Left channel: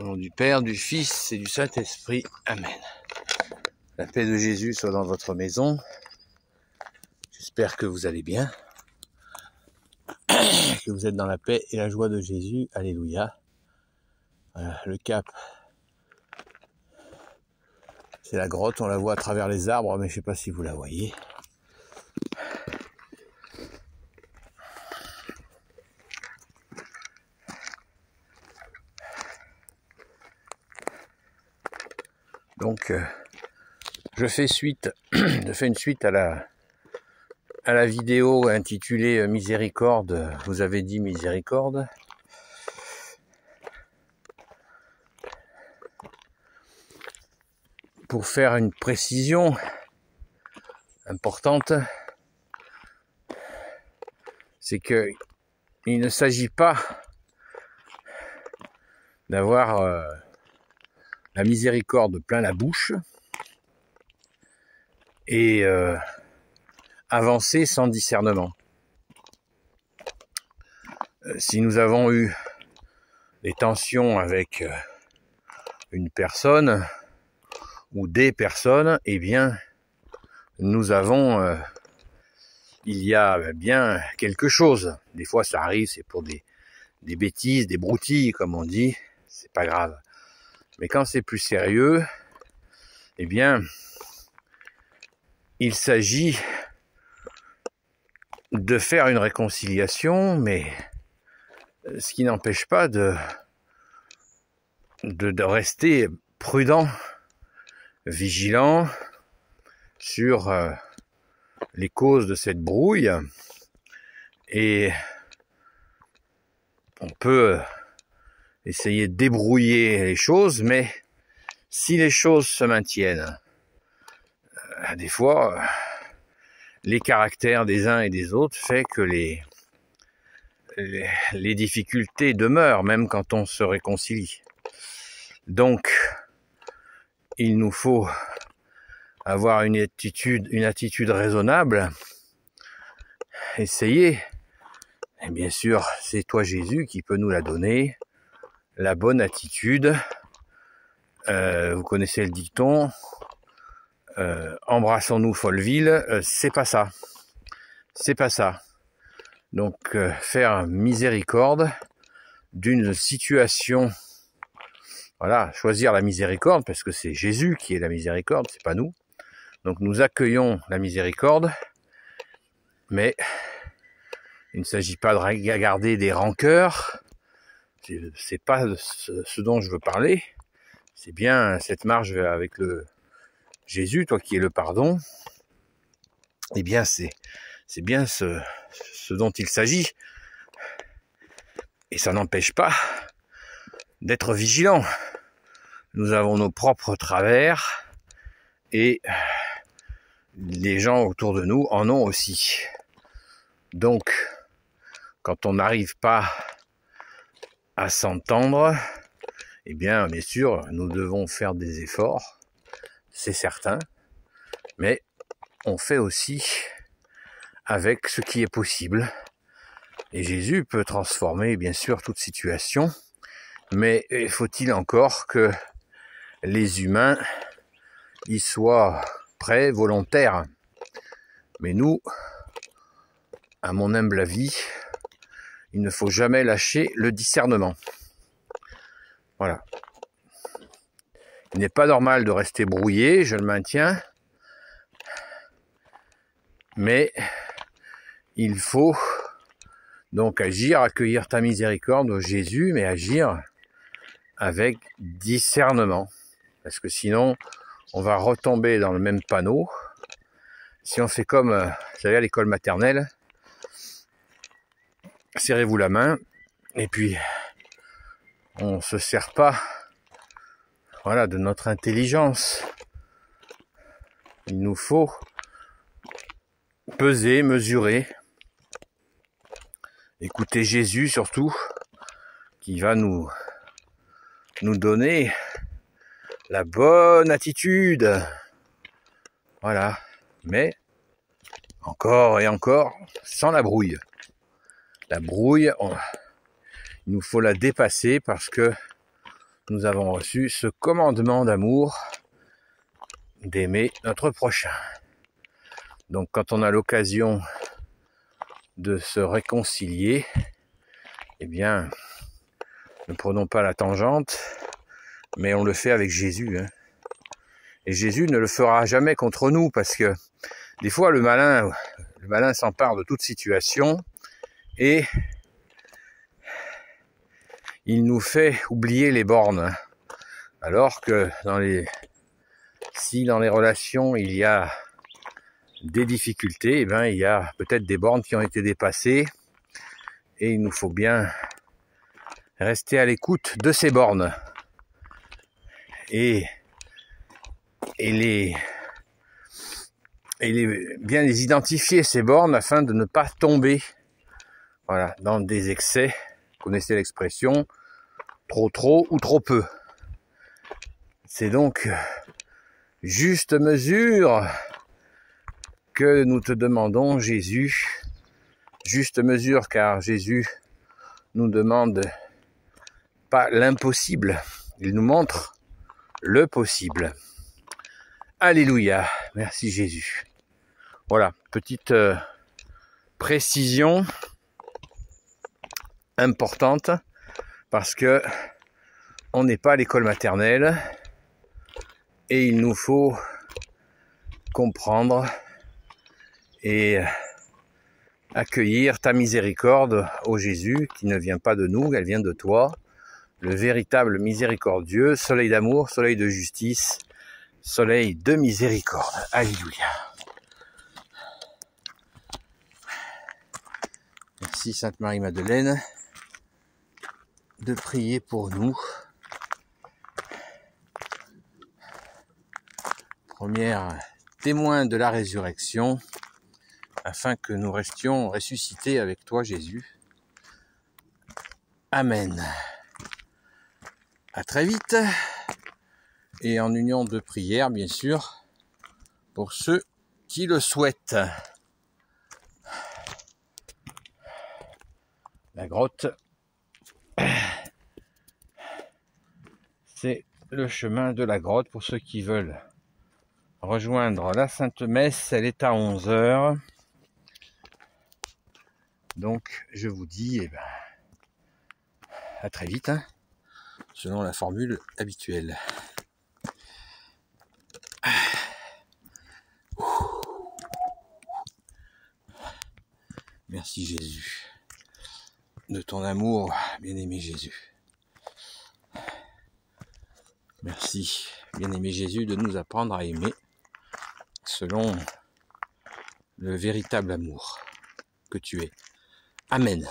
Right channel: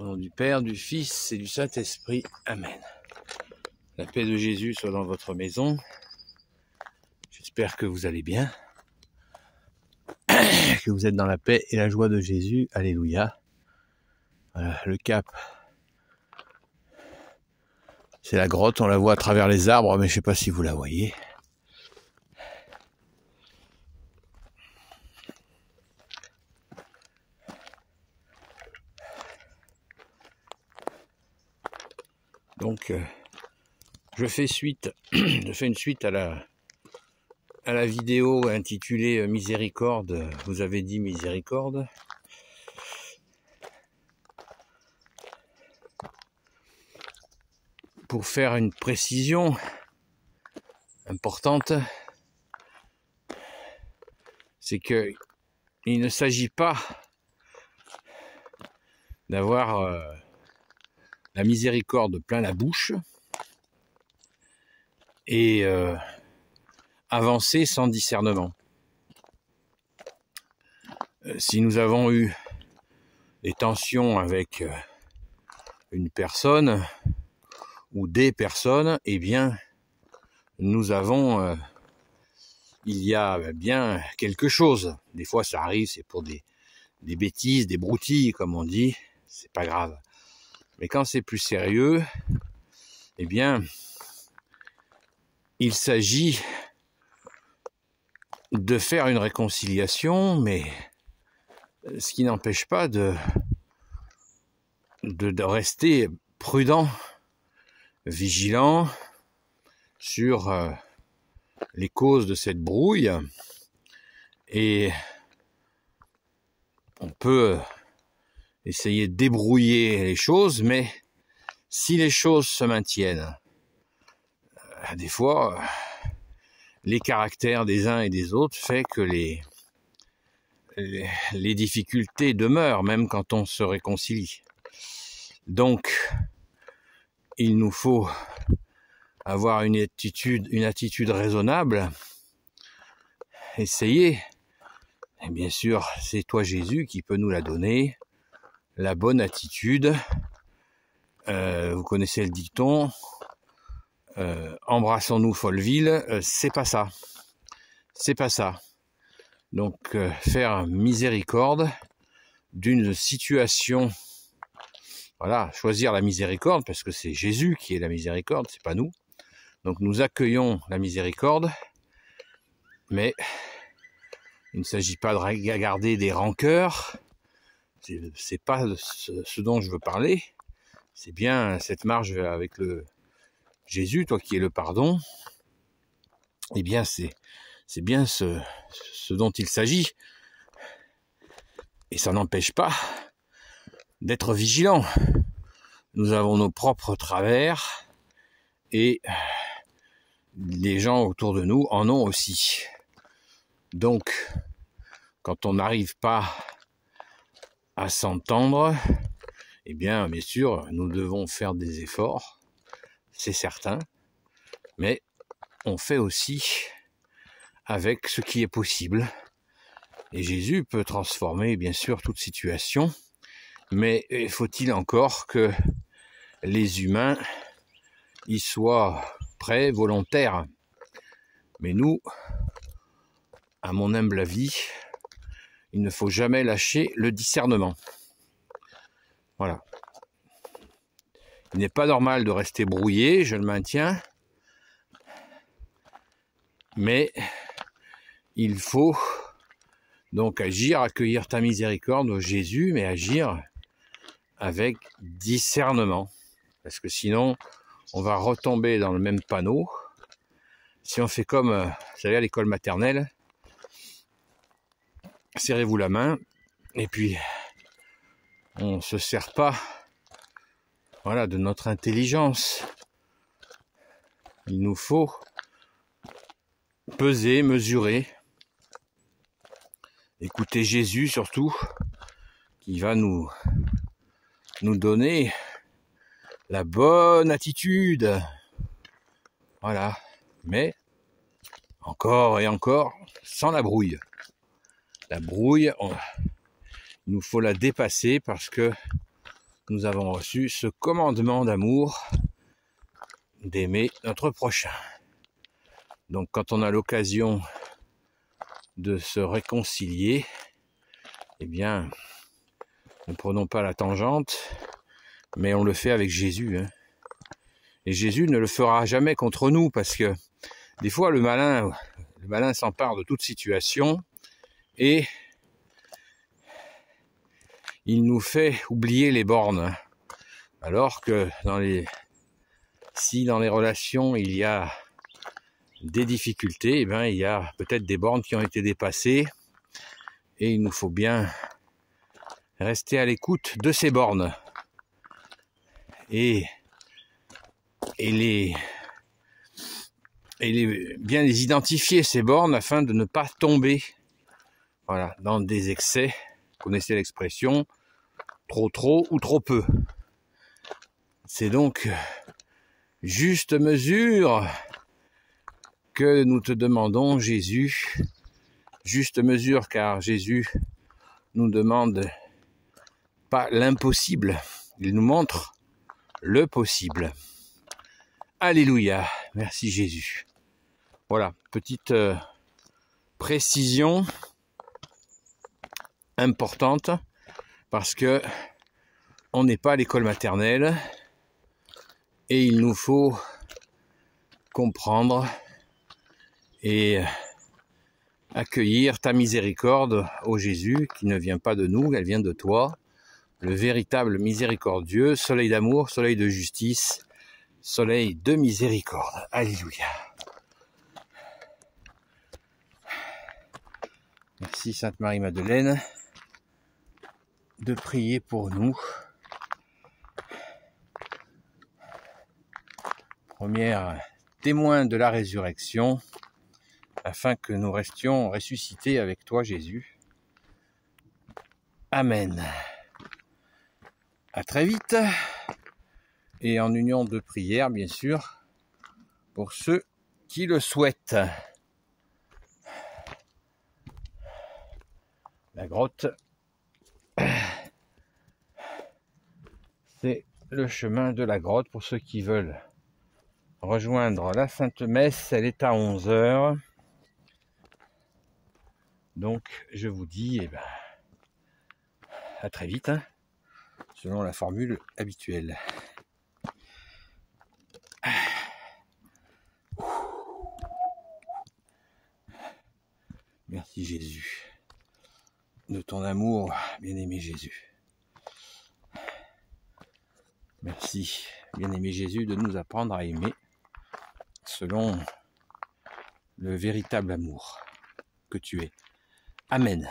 Au nom du Père, du Fils et du Saint-Esprit. Amen. La paix de Jésus soit dans votre maison. J'espère que vous allez bien, que vous êtes dans la paix et la joie de Jésus. Alléluia. Voilà, le cap, c'est la grotte, on la voit à travers les arbres, mais je ne sais pas si vous la voyez. Donc, je fais une suite à la vidéo intitulée Miséricorde. Vous avez dit miséricorde. Pour faire une précision importante, c'est que il ne s'agit pas d'avoir la miséricorde plein la bouche et avancer sans discernement. Si nous avons eu des tensions avec une personne ou des personnes, eh bien, nous avons, il y a bien quelque chose. Des fois, ça arrive, c'est pour des bêtises, des broutilles, comme on dit, c'est pas grave. Mais quand c'est plus sérieux, eh bien, il s'agit de faire une réconciliation, mais ce qui n'empêche pas de rester prudent, vigilant sur les causes de cette brouille. Et on peut essayer de débrouiller les choses, mais si les choses se maintiennent, des fois, les caractères des uns et des autres fait que les difficultés demeurent, même quand on se réconcilie. Donc, il nous faut avoir une attitude raisonnable, essayer, et bien sûr, c'est toi Jésus qui peut nous la donner, la bonne attitude. Vous connaissez le dicton, embrassons-nous Folleville, c'est pas ça. C'est pas ça. Donc, faire miséricorde d'une situation, voilà, choisir la miséricorde, parce que c'est Jésus qui est la miséricorde, c'est pas nous. Donc, nous accueillons la miséricorde, mais il ne s'agit pas de garder des rancœurs, c'est pas ce dont je veux parler, c'est bien cette marche avec le Jésus, toi qui es le pardon, eh bien c'est bien ce dont il s'agit. Et ça n'empêche pas d'être vigilant. Nous avons nos propres travers et les gens autour de nous en ont aussi. Donc, quand on n'arrive pas à s'entendre, eh bien sûr, nous devons faire des efforts, c'est certain, mais on fait aussi avec ce qui est possible. Et Jésus peut transformer, bien sûr, toute situation, mais faut-il encore que les humains y soient prêts, volontaires. Mais nous, à mon humble avis, il ne faut jamais lâcher le discernement. Voilà. Il n'est pas normal de rester brouillé, je le maintiens, mais il faut donc agir, accueillir ta miséricorde, Jésus, mais agir avec discernement. Parce que sinon, on va retomber dans le même panneau. Si on fait comme, vous savez, à l'école maternelle, serrez-vous la main, et puis on ne se sert pas, voilà, de notre intelligence. Il nous faut peser, mesurer, écouter Jésus surtout, qui va nous donner la bonne attitude. Voilà. Mais, encore et encore, sans la brouille. La brouille, il nous faut la dépasser parce que nous avons reçu ce commandement d'amour, d'aimer notre prochain. Donc quand on a l'occasion de se réconcilier, eh bien, ne prenons pas la tangente, mais on le fait avec Jésus. Hein. Et Jésus ne le fera jamais contre nous, parce que des fois le malin s'empare de toute situation et il nous fait oublier les bornes. Alors que si dans les relations il y a des difficultés, eh bien, il y a peut-être des bornes qui ont été dépassées et il nous faut bien rester à l'écoute de ces bornes et bien les identifier, ces bornes, afin de ne pas tomber dans des excès. Vous connaissez l'expression trop ou trop peu. C'est donc juste mesure que nous te demandons, Jésus. Juste mesure, car Jésus nous demande pas l'impossible, il nous montre le possible. Alléluia, merci Jésus. Voilà, petite précision importante, parce que on n'est pas à l'école maternelle et il nous faut comprendre et accueillir ta miséricorde, ô Jésus, qui ne vient pas de nous, elle vient de toi, le véritable miséricordieux, soleil d'amour, soleil de justice, soleil de miséricorde. Alléluia. Merci Sainte Marie-Madeleine de prier pour nous. Première témoin de la résurrection, afin que nous restions ressuscités avec toi, Jésus. Amen. À très vite, et en union de prière, bien sûr, pour ceux qui le souhaitent. La grotte, c'est le chemin de la grotte pour ceux qui veulent rejoindre la Sainte Messe. Elle est à 11h. Donc, je vous dis à très vite, hein, selon la formule habituelle. Merci Jésus, de ton amour, bien-aimé Jésus. Merci, bien-aimé Jésus, de nous apprendre à aimer selon le véritable amour que tu es. Amen.